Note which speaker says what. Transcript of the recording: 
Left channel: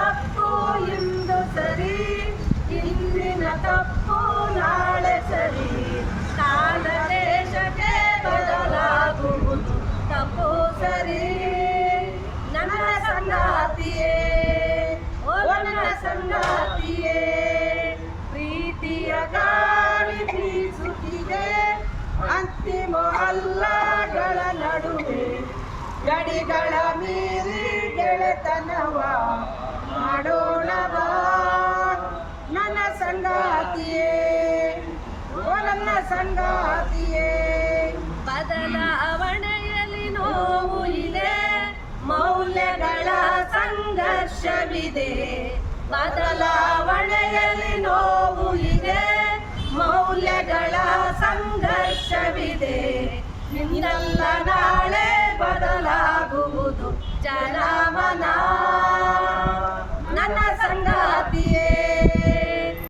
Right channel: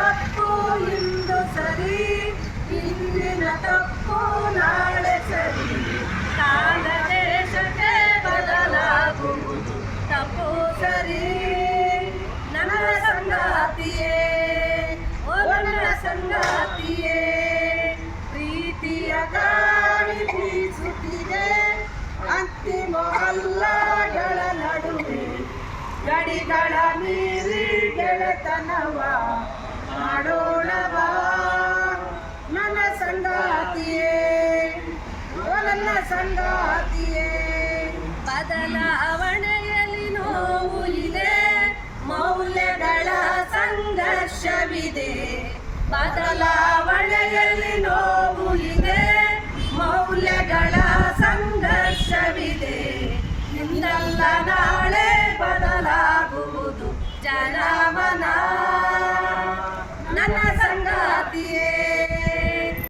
Speaker 1: ತಪ್ಪು ಇಂದು ಸರಿ, ಇಂದಿನ ತಪ್ಪು ನಾಳೆ ಸರಿ. ಕಾಲ ದೇಶಕ್ಕೆ ಬದಲಾಗುವುದು. ತಪ್ಪು ಸರಿ, ನನ್ನ ಸಂಗಾತಿಯೇ, ಓ ನನ್ನ ಸಂಗಾತಿಯೇ. ಪ್ರೀತಿಯ ಗಾಳಿ ಬೀಸುತ್ತಿದೆ, ಅಂತಿಮ ಅಲ್ಲಗಳ ನಡುವೆ. ಗಡಿಗಳ ಮೀರಿ ಗೆಳೆತನವ ಸಂಗಾತಿಯೇ, ಓ ನನ್ನ ಸಂಗಾತಿಯೇ. ಬದಲಾವಣೆಯಲ್ಲಿ ನೋವು ಇದೆ, ಮೌಲ್ಯಗಳ ಸಂಘರ್ಷವಿದೆ. ಬದಲಾವಣೆಯಲ್ಲಿ ನೋವು ಇದೆ, ಮೌಲ್ಯಗಳ ಸಂಘರ್ಷವಿದೆ. ನಿನ್ನೆಲ್ಲ ನಾಳೆ ಬದಲಾಗುವುದು ಜನಮನ